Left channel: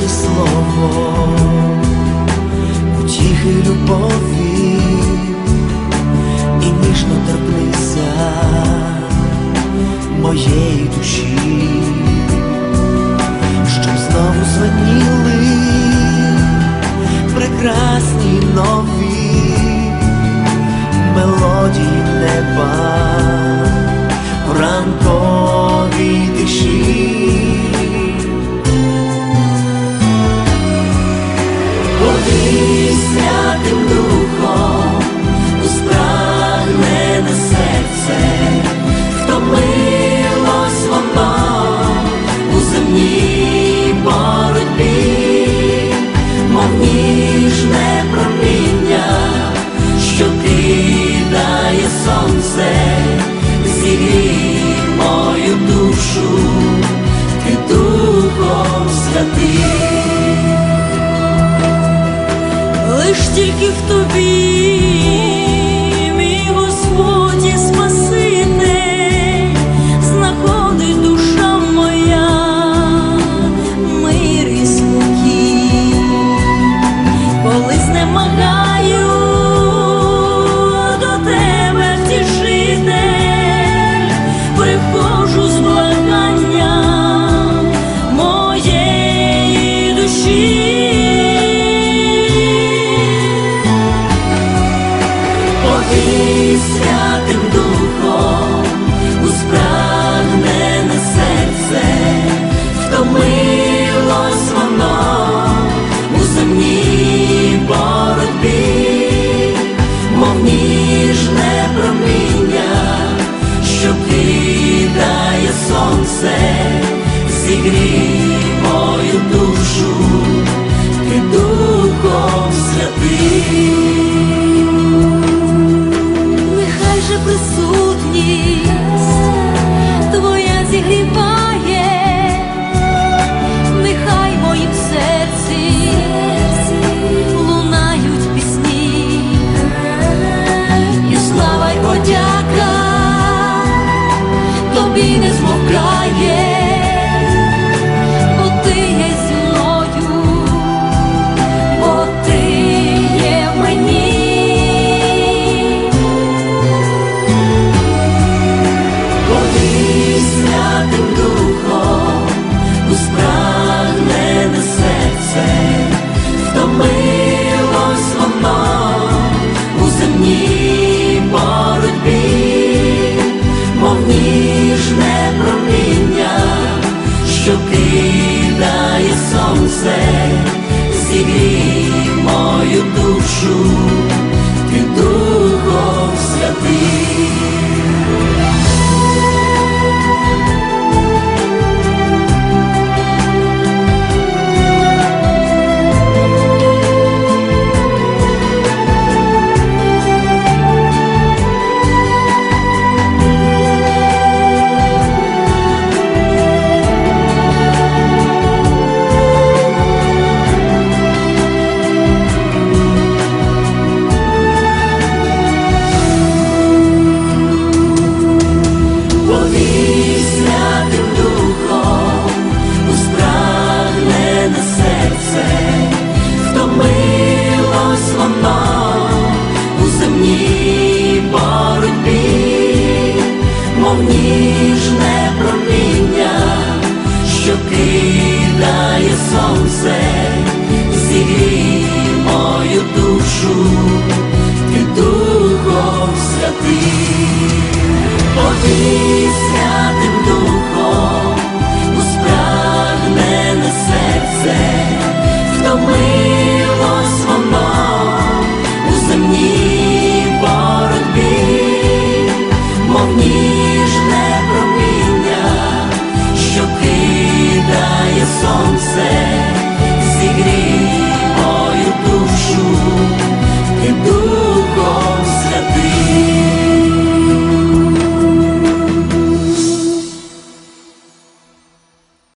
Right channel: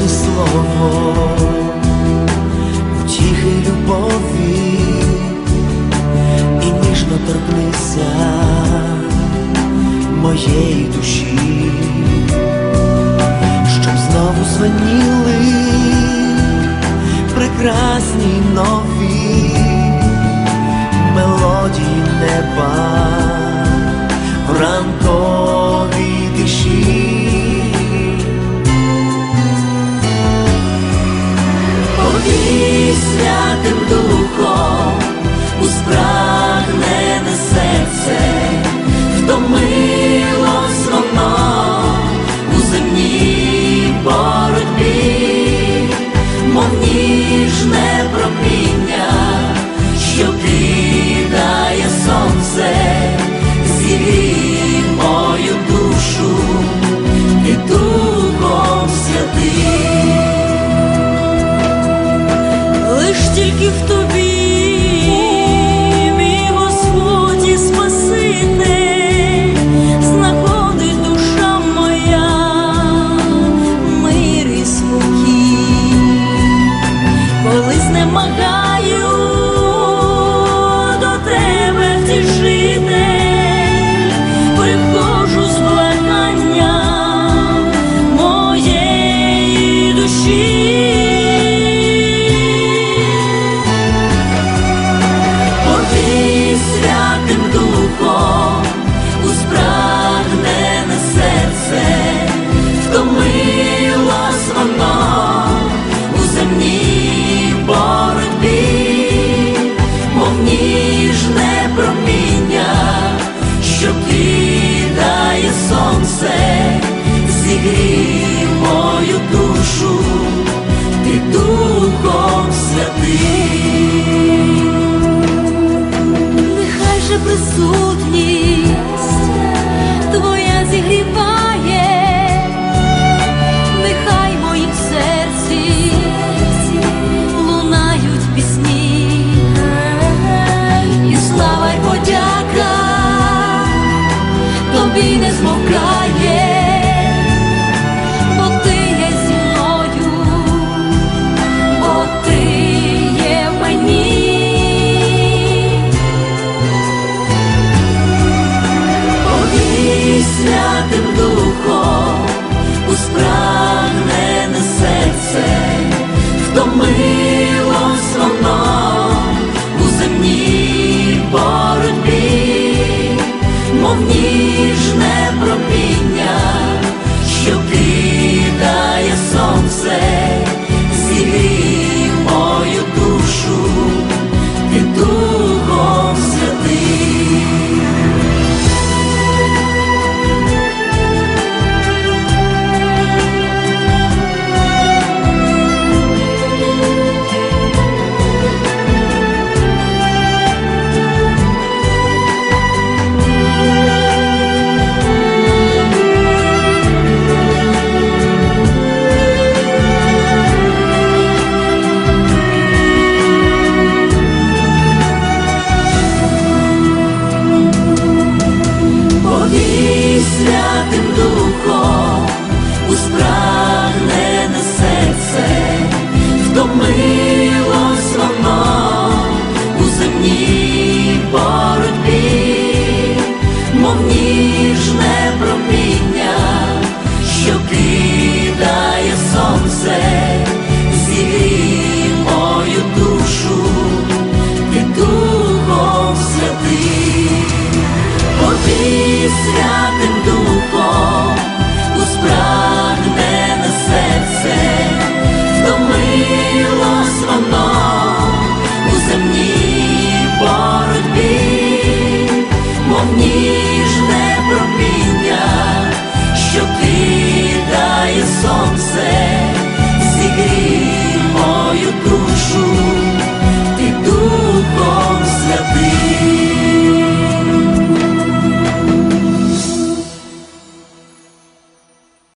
ні слово, втіхи й любові, і ніжно торкнися моєї душі, щоб знову звеніли прекрасні нові мелодії неба в ранковій тиші. Ніжне проміння, що кидає сонце, зігрій мою душу, ти духом святим. лиш тільки в тобі, коли до тебе втішитель, приходжу сонце, зігрій мою душу, ти духом святий, Нехай же присутність тобі не змовкає, бо ти є зі мною, бо ти є в мені, Коли святим духом у спрагнене серце, втомилось воно у земній боротьбі. Мов ні сонце, зігрій мою душу. You.